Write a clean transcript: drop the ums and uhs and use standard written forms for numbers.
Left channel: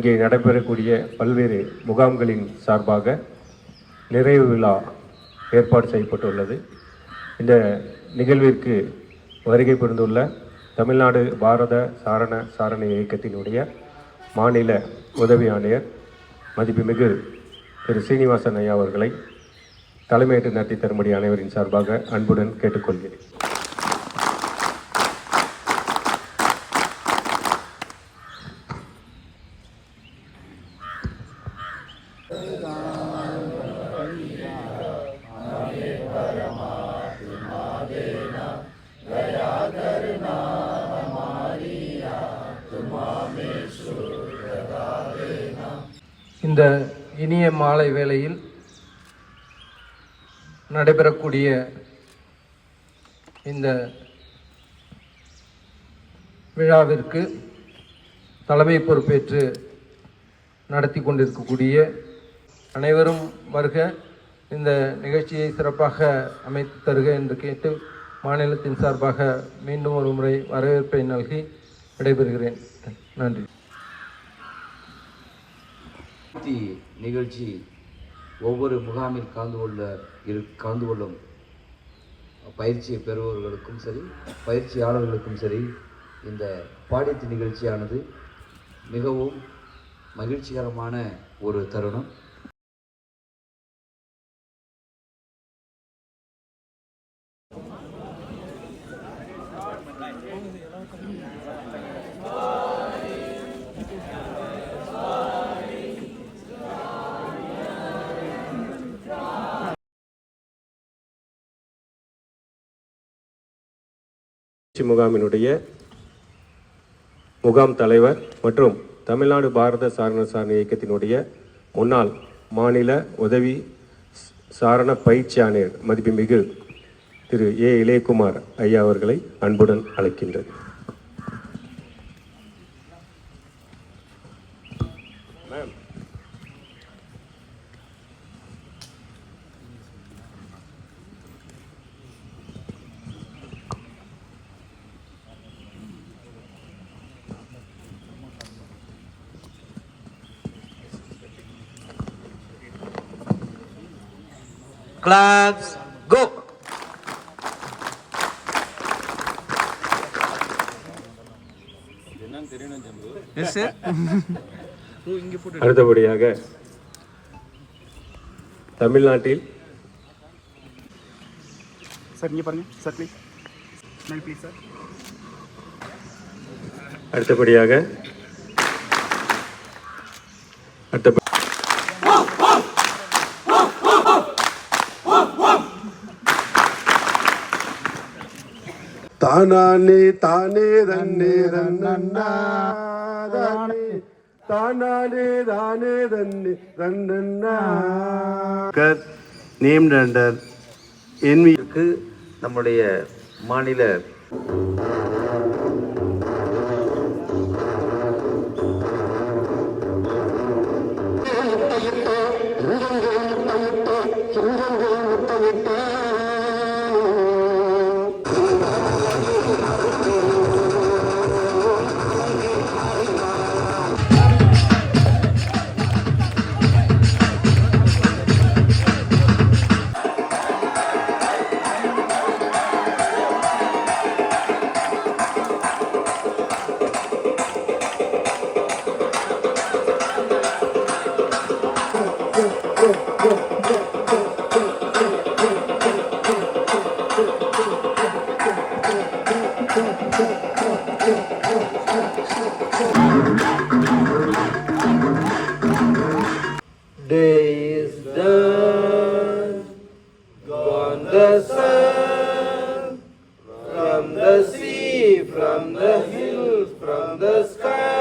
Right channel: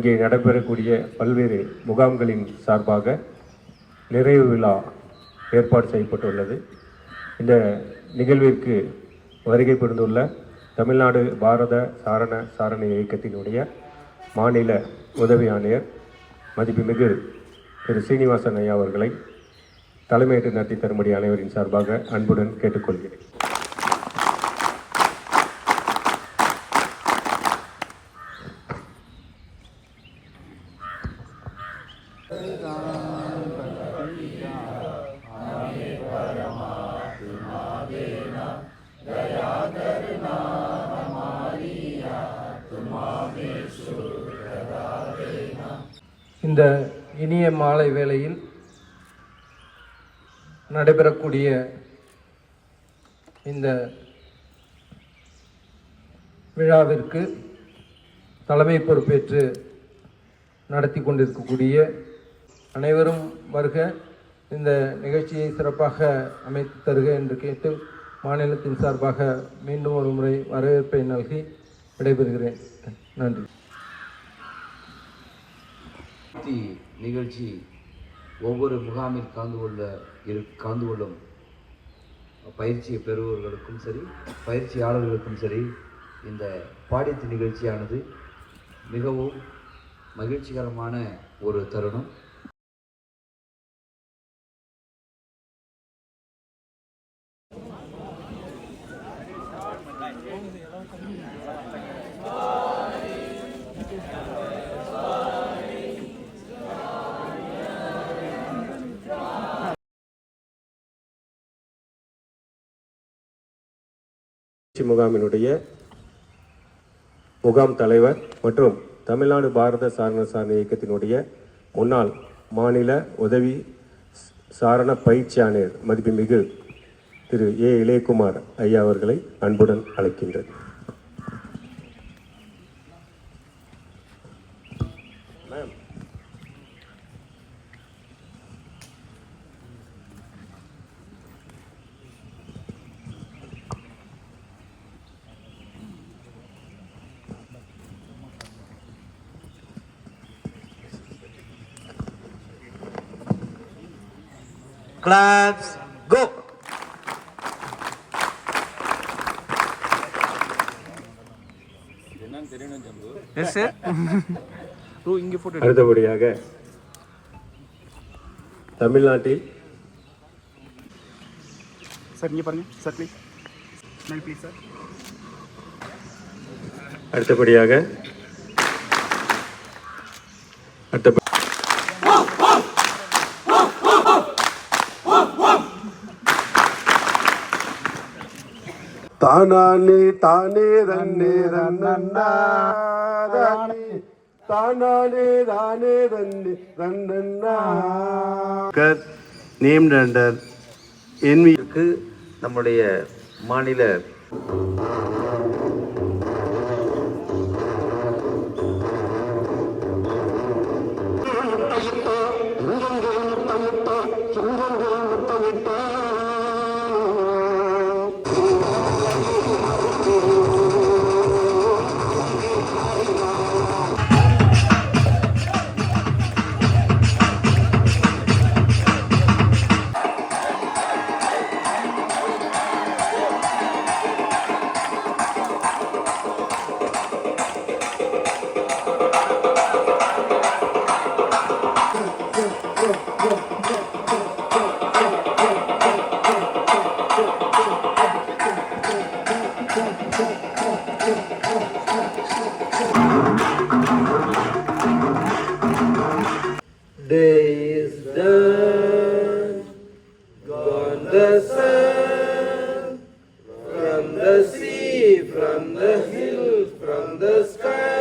இங்கே நடைபெறக்கூடிய பல்வேறு முகாம்களின் சார்பாக நிறைவு விழா ஏற்பாடு செய்யப்பட்டுள்ளது. இந்த நிகழ்விற்கு வருகை புரிந்துள்ள தமிழ்நாடு பாரத சாரண இயக்கத்தினுடைய மாநில உதவி ஆணையர் மதிப்புமிகு திரு சீனிவாசன் ஐயா அவர்களை தலைமையேற்று நடத்தி தரும்படி அனைவரின் சார்பாக அன்புடன் கேட்டுக்கொள்கிறேன். இந்த இனிய மாலை வேளையில் நடைபெறக்கூடிய இந்த விழாவிற்கு தலைமை பொறுப்பேற்று நடத்தி கொண்டிருக்கக்கூடிய அனைவரும் வருக, இந்த நிகழ்ச்சியை சிறப்பாக அமைத்து தருக என்று கேட்டு மாநிலத்தின் சார்பாக மீண்டும் ஒரு முறை வரவேற்பை நல்கி விடைபெறுகிறேன். நன்றி. நிகழ்ச்சி ஒவ்வொரு முகாமில் கலந்து கொள்ளும் பயிற்சியை பெறுபவர்களுக்கும் சரி, பயிற்சியாளர்களுக்கும் சரி, இந்த பாடித்து நிகழ்ச்சியானது மிகவும் மகிழ்ச்சிகரமான ஒரு தருணம். முகாமினுடைய முகாம் தலைவர் மற்றும் தமிழ்நாடு பாரத சாரண இயக்கத்தினுடைய முன்னாள் மாநில உதவி சாரண பயிற்சி ஆணையர் மதிப்புமிகு திரு ஏ இளையகுமார் ஐயா அவர்களை அன்புடன் அழைக்கின்றது. Claps, go! Yes, sir. அடுத்தபடியாக தமிழ்நாட்டில் சார் இங்கே பாருங்க sir, please smile please sir. அடுத்தபடியாக தானே தானே தன்னே தன்னன்னா தானே தானே தன்னே தன்னன்னா நேம்ட் அண்டர் என்விக்கு நம்முடைய மாநில Day is done, gone the sun, from the sea, from the hills, from the sky.